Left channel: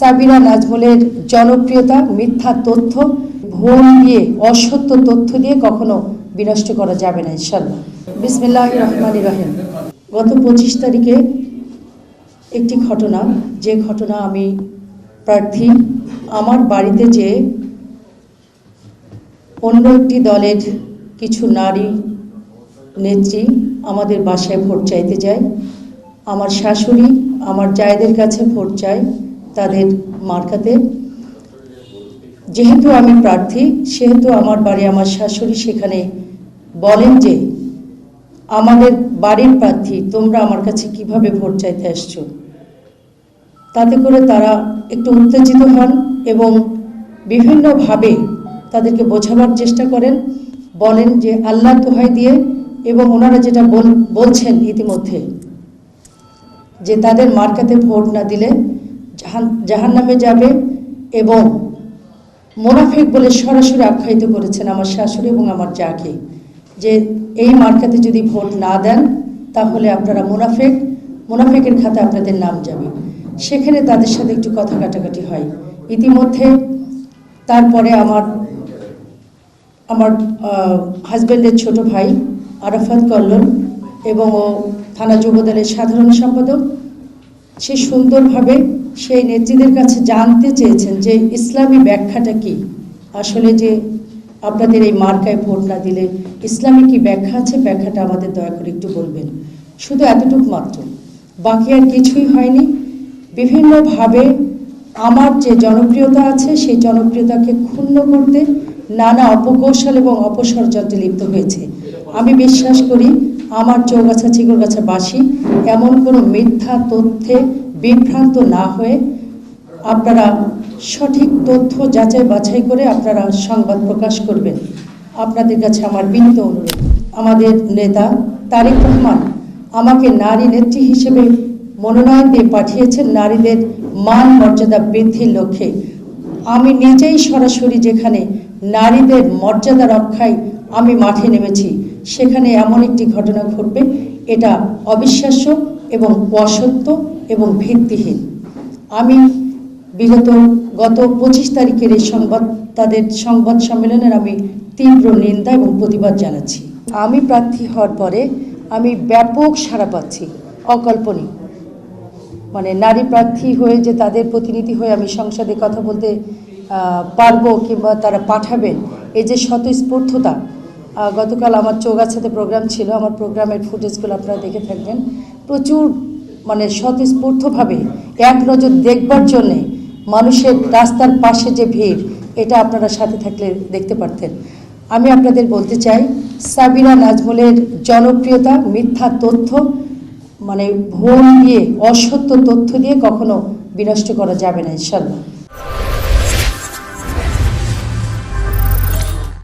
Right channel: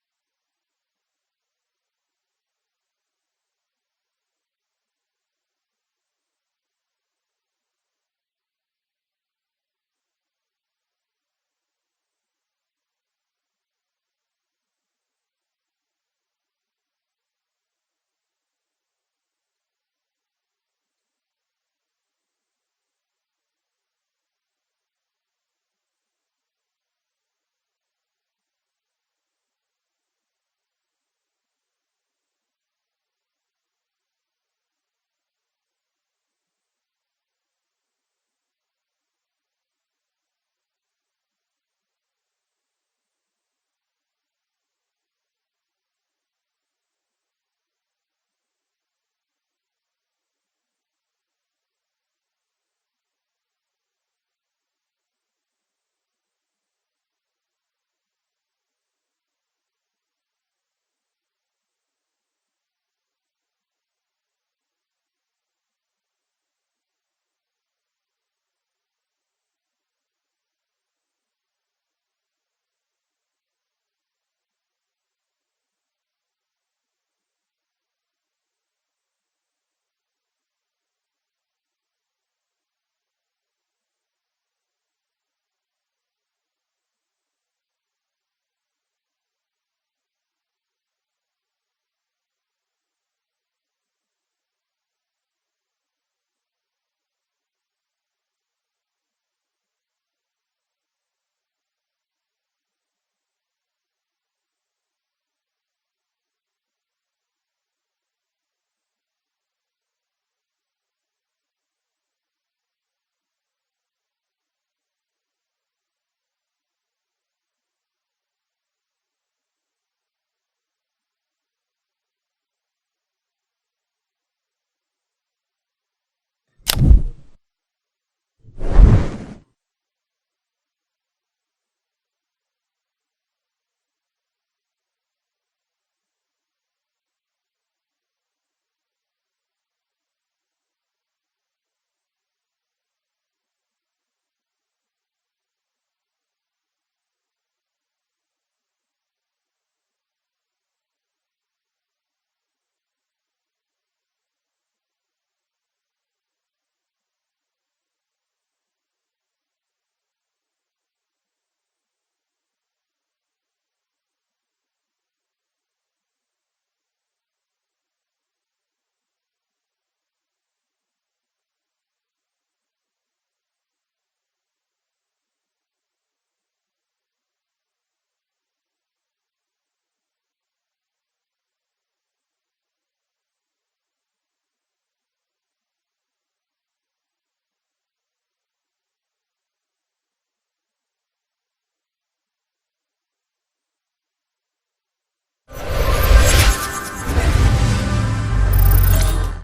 সাবিরা নাজমুলের জনপ্রিয়তা মিথ্যা তথ্য, ভুল দিয়ে, অসত্য তথ্য দিয়ে কখনো বিনষ্ট করা যাবে না ইনশাআল্লাহ। বিসমিল্লাহির রহমানির রহিম। গত 25 তারিখে একটি ঘটনা, যে ঘটনা আমি প্রার্থী আমার বাড়িতে যে অন্য একটি দলের কিছু নারী নেত্রী আমাদের বাসায় ভোট চাইতে যায়। আমার শাশুড়ি আমার জায়েদের কাছে ভোট চায় তাদের মার্কাতে। যেহেতু আমি প্রার্থী সেহেতু আমার বাড়ি আমার শাশুড়ি সেখানে বলেন যে আমাদের বাড়ির প্রার্থী, তোমরা আমার কাছে কিভাবে ভোট চাইতে আসছো। তাতে করে তারা একটু উত্তেজিত হন এবং বিভিন্নভাবে তাদেরকে বোঝাবার চেষ্টা করেন, বলেন যে আল্লাহ দোহাই দিয়ে, এবং ওনারা যেটা বলছেন ইতিমধ্যে যে তাদের মার্কাতে ভোট না দিলে জাহান্নামে যাবে, এবং মুনাফিক বলে সরাসরি আখ্যায়িত করেছেন আমার শাশুড়ি এবং আমার জাকে, যে এই মার্কাতে যদি ভোট না দেন তাহলে আপনারা মুনাফিকের খাতে আপনাদের নাম যাবে। সেখানে তাদের সাথে একটু কথা কাটাকাটি হয়। ইতিমধ্যে তারপরে আমার হাজব্যান্ডের ছোট ভাই আরাফাত কল্লোল এবং ও থানা যুবদলের সাধারণ সম্পাদক, সে সুন্দরভাবে সেই নেত্রীদের কাছে জানতে চেয়েছেন যে ইসলামী ব্যাখ্যাটা কি, আসলে যে আপনাদের এই মার্কায় ভোট না দিলে ইসলামী কি ব্যাখ্যা আছে, ব্যাখ্যাটা আমাদের দয়া করে একটু বলবেন। শুধু এতটুকু মাত্র, বাকি আর কিছুই হয়নি। বিভিন্নভাবে আমার যে জনপ্রিয়তা আছে সেই জনপ্রিয়তাকে ক্ষুণ্ণ করতে নানা অপকৌশল এবং অপষড়যন্ত্রে লিপ্ত হয়েছে। আমি বিশ্বাস করি আমার চৌগাছা চিগরগাছাবাসী এমন কোনো মিথ্যা তথ্যে বিভ্রান্ত না হয়ে আপনারা সঠিক তথ্য যাচাই বাছাই করে আপনারা সংবাদ প্রকাশ করবেন। আপনাদের কাছে আমার বিনীত অনুরোধ। আমাদের নেতা তারেক রহমান আমাকে নারী নেত্রী হিসেবে মনোনয়ন দিয়ে পাঠিয়েছেন নারীদের মান মর্যাদা বৃদ্ধির লক্ষ্যে। আমি নিজেই সরাসরি যেখানে নারীদের মর্যাদা রক্ষায় আমি মাঠে নেমেছি, সেখানে এমন একটি ঘটনা ঘটবে, এটা অবিশ্বাস্য এবং অসত্য এবং ভিত্তিহীন। আমি গত 25 তারিখের এই সংবাদ সম্মেলনের আমি তীব্র নিন্দা এবং প্রতিবাদ জানাচ্ছি। আমি প্রার্থী হওয়ার পরে আমি ব্যাপক সাড়া পাচ্ছি, অকল্পনীয়। মানে নারী প্রার্থী হয়ে যে তাদের প্রতিনিধি হয়ে আমি সংসদে কথা বলতে পারবো কিংবা তারা পাঠাবেন, এই যে স্বতঃস্ফূর্ততা। গতকাল আমার চৌগাছাতে প্রোগ্রাম ছিল, আমার প্রোগ্রামের ফুটেজগুলো আপনারা দেখে থাকবেন। প্রচুর স্বতঃস্ফূর্তভাবে এক নজর দেখবার জন্যে মানুষের রাস্তার পাশে যে ভিড়, এটা আপনারা সাথে থাকলে দেখতে পারতেন। আমি আপনাদের বলতে চাই, সাবিরা নাজমুলের জনপ্রিয়তা মিথ্যা তথ্য, ভুল দিয়ে, অসত্য তথ্য দিয়ে কখনো বিনষ্ট করা যাবে না ইনশাআল্লাহ।